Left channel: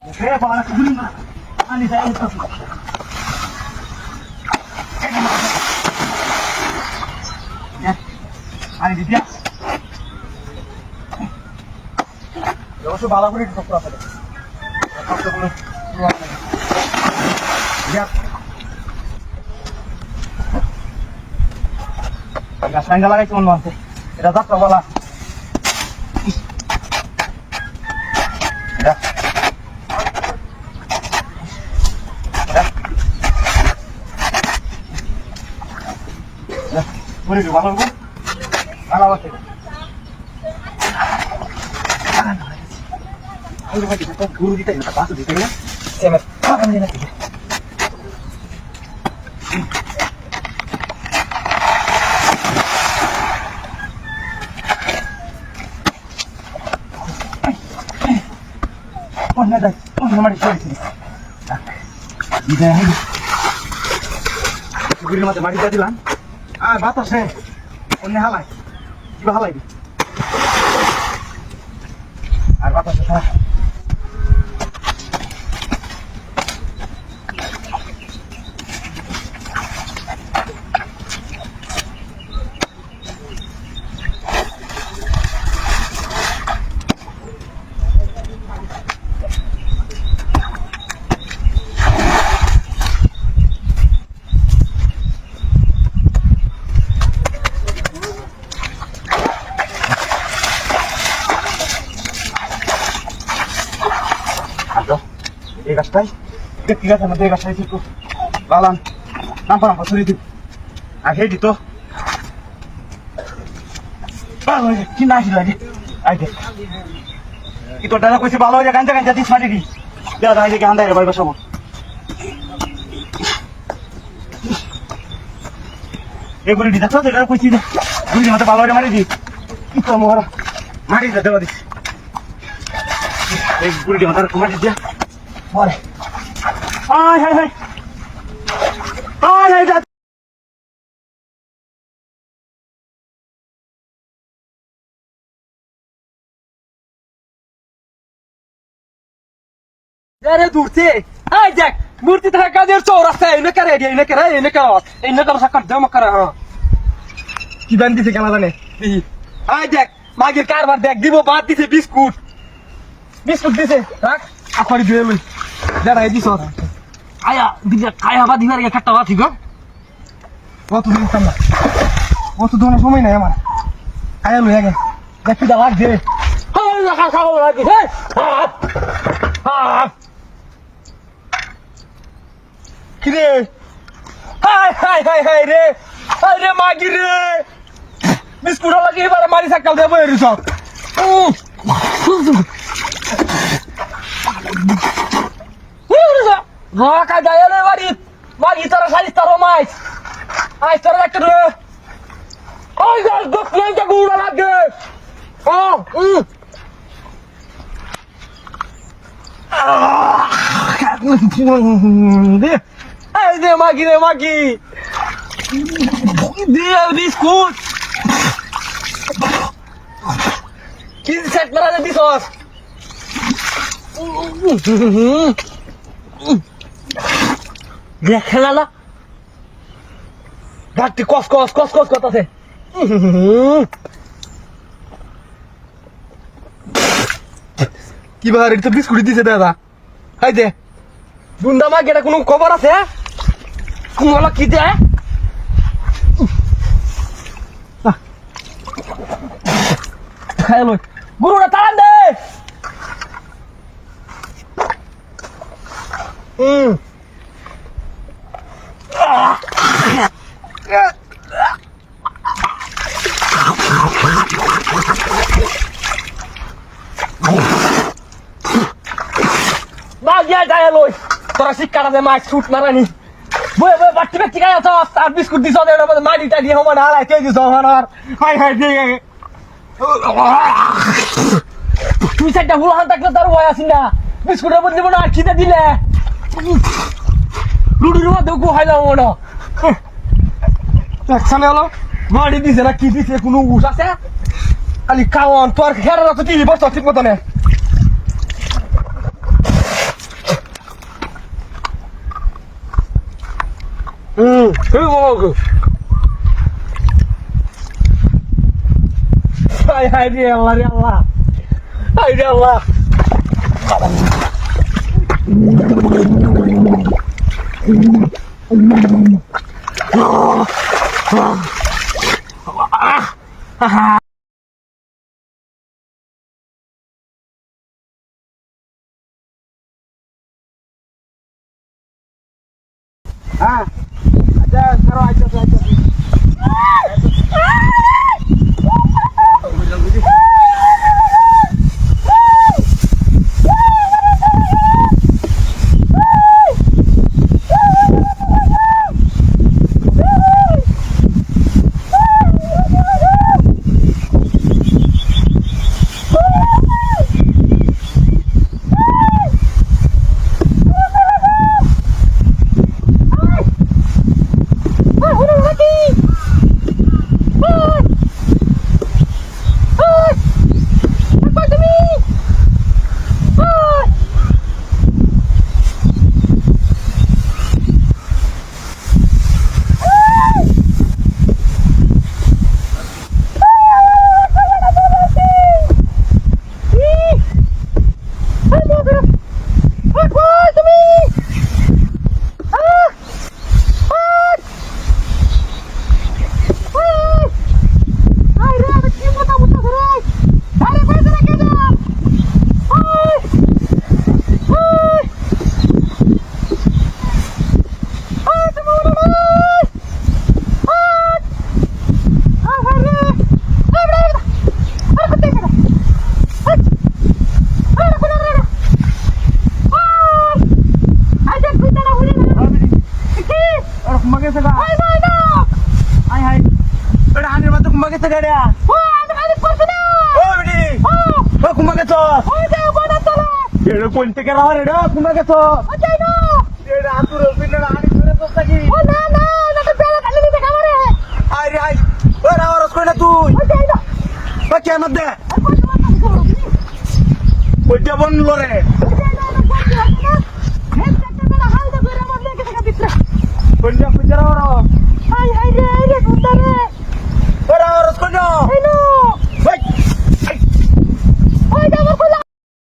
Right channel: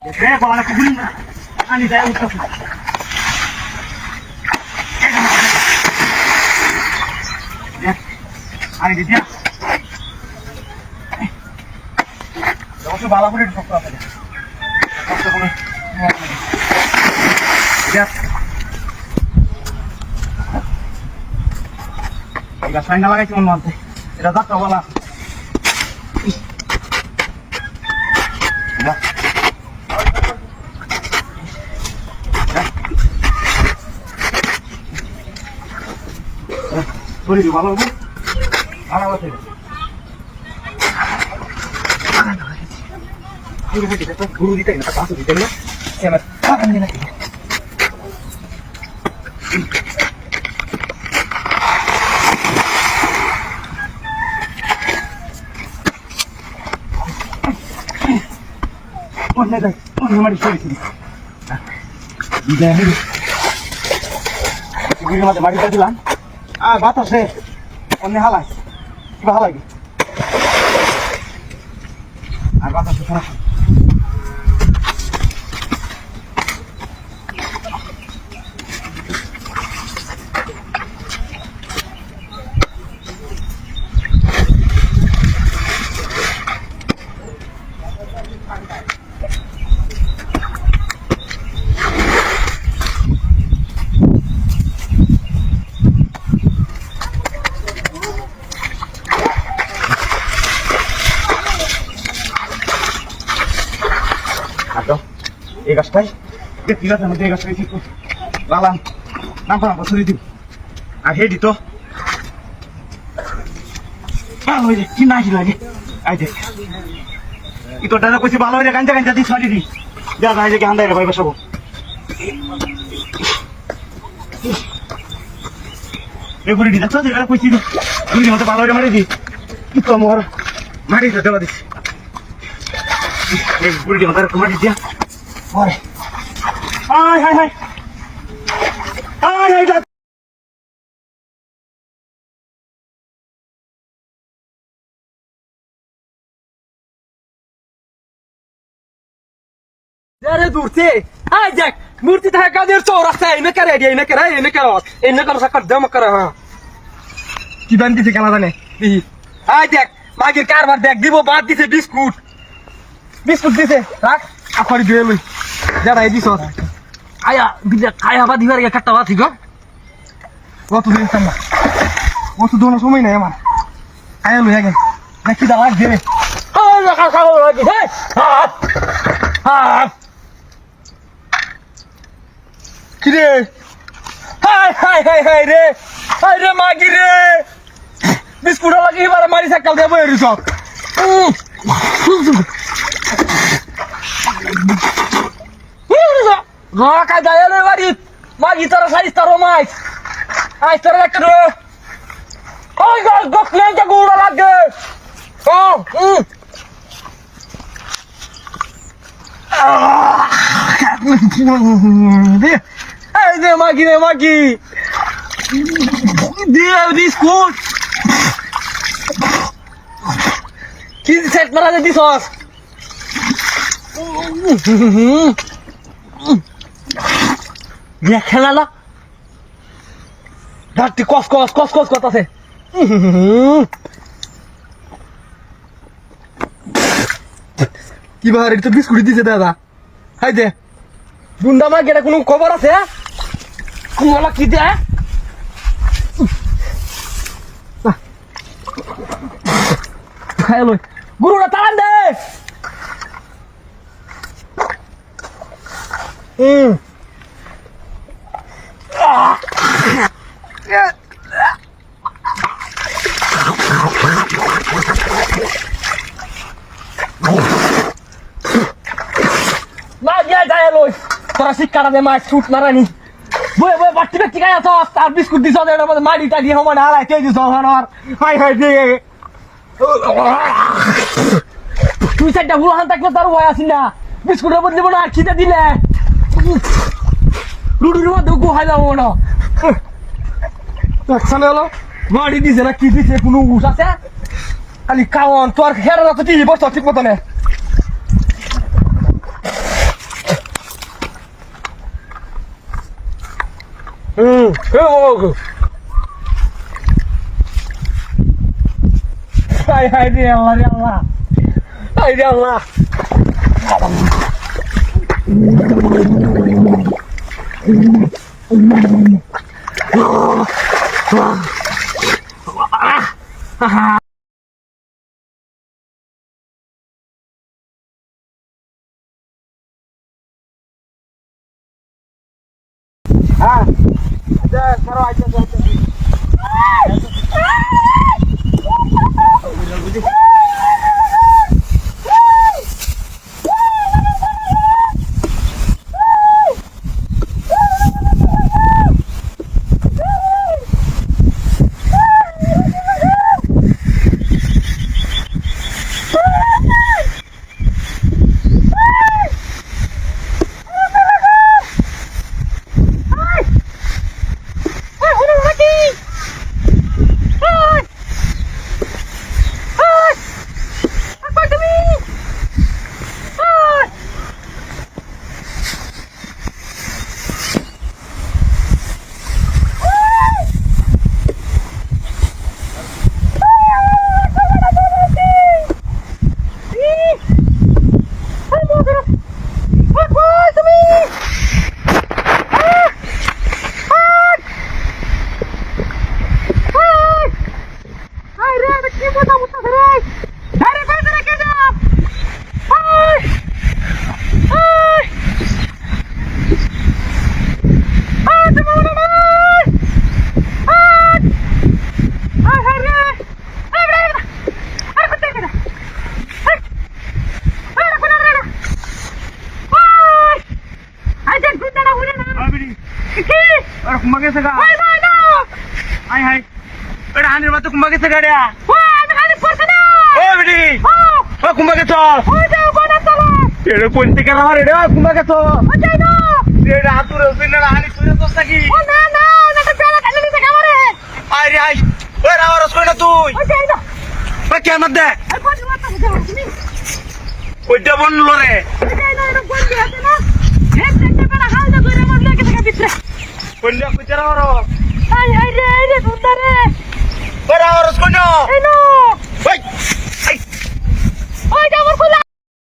Bawa aku gulung. Ani saya utas. Ya. Ani dia. Jangan usah bawa aku di kokra aja. Aku boleh. Lihat. Enggak saya enggak lagi cuma monte. Tidak tak bola. Ya. Boleh juga kalau bu, ala apa sih? Ini lagi kita guru kita ini tak masuk di sana. Saya apa ini lagi? Oh nih dah, oh nomor itu sini. Ida ini. Guru mata mari tadi lan. বাতাসে অন্য হালাই কিবা হালাই আর বাতাসে সমস্যা এই গাছটাই দেখতে গাছের মধ্যে এই গাছটাই কিন্তু লালাম নাম্বার ছড়িয়ে দিব আর হে দিত ভালো হয়ে কি না কি লাগে আই দেখ কি তোর দাদা কইছে ভালো হয়ে গাঞ্জা গাঞ্জা দিস মাটি দি দাদা এই যে গান্ডাই রে ভাই বসাবো এগুলি দিদা তো এটা কইছি দুই মতো ভালো হয়ে মারি দি কি তো মোর মারি যা দেবা দিস এই গুলি আমার মারি দিয়া Mare. Ai ai ai. Ai ai da. Yare durti. Ai jak. Murti tha ka der chora sa ine kare ge ine kar sakar jama kara ha. Ki ban dise kala jane. Ai jak. Magir karbar dek dibo baad dise biskut. Biskut dise. Rak. Apari দিয়ে লই দাদা এই দিছ আয়া দিলে খায়া বা দিবার একটা বাতি গো কত দিন না কত দোনো সময় নাই আমার আয়া লই আগে দেখি দা লাগ দে হাই লাগা খাও লাগি হে কি রে হাই রে মাগি রে বিস্কুট লাগি এবারে মারি সাকাল দেব এর সব Roka daya le mari tara sai taro mais ai tara ekro oi gas dok le ja gura lage ai de magi de biscuit que set mara de bisos খেলা না ঘাটতি কস করতেছে কি ভাই এটা বিস্কুট দিছে দাদা হাই দে বুন্দা মা গেটা কোনো খবর আছে কোনলা কি দে খাই লই গুরুটা তাড়ান দে Magia jaya loy, terasi cara de mais shoot marani. Boy batti batti kaya to, ar biscuit diso de na madi ta di homa na te diso hanar. Hai de. Tu seta hulu han takle taru hoya sinda. Biscuit এর বদলে না খিদে দিলে রুডুর মধ্যে গো হাইলা ওনা একসানে হলো মারি দিছে না কি দিছে কোনো উস আছে খালি কাওন তোর খেরা তো কি বসতো ঠিক মতো না হাই হাই রে আল্লাহ রে আল্লাহ, হাই রে আল্লাহ। হ্যাঁ আচ্ছা ছাড়ো, আচ্ছা আচ্ছা গাড়িয়া কুম্বা গেছ কোন থেকে রে কুম্বা গেছ হাতুর হানি তুই তো থাকি আরে আই ওই রাওয়ারস কই না তুই ওই কে মত দে কইটা বনলো রে কইলা কইরা রাওয়ারস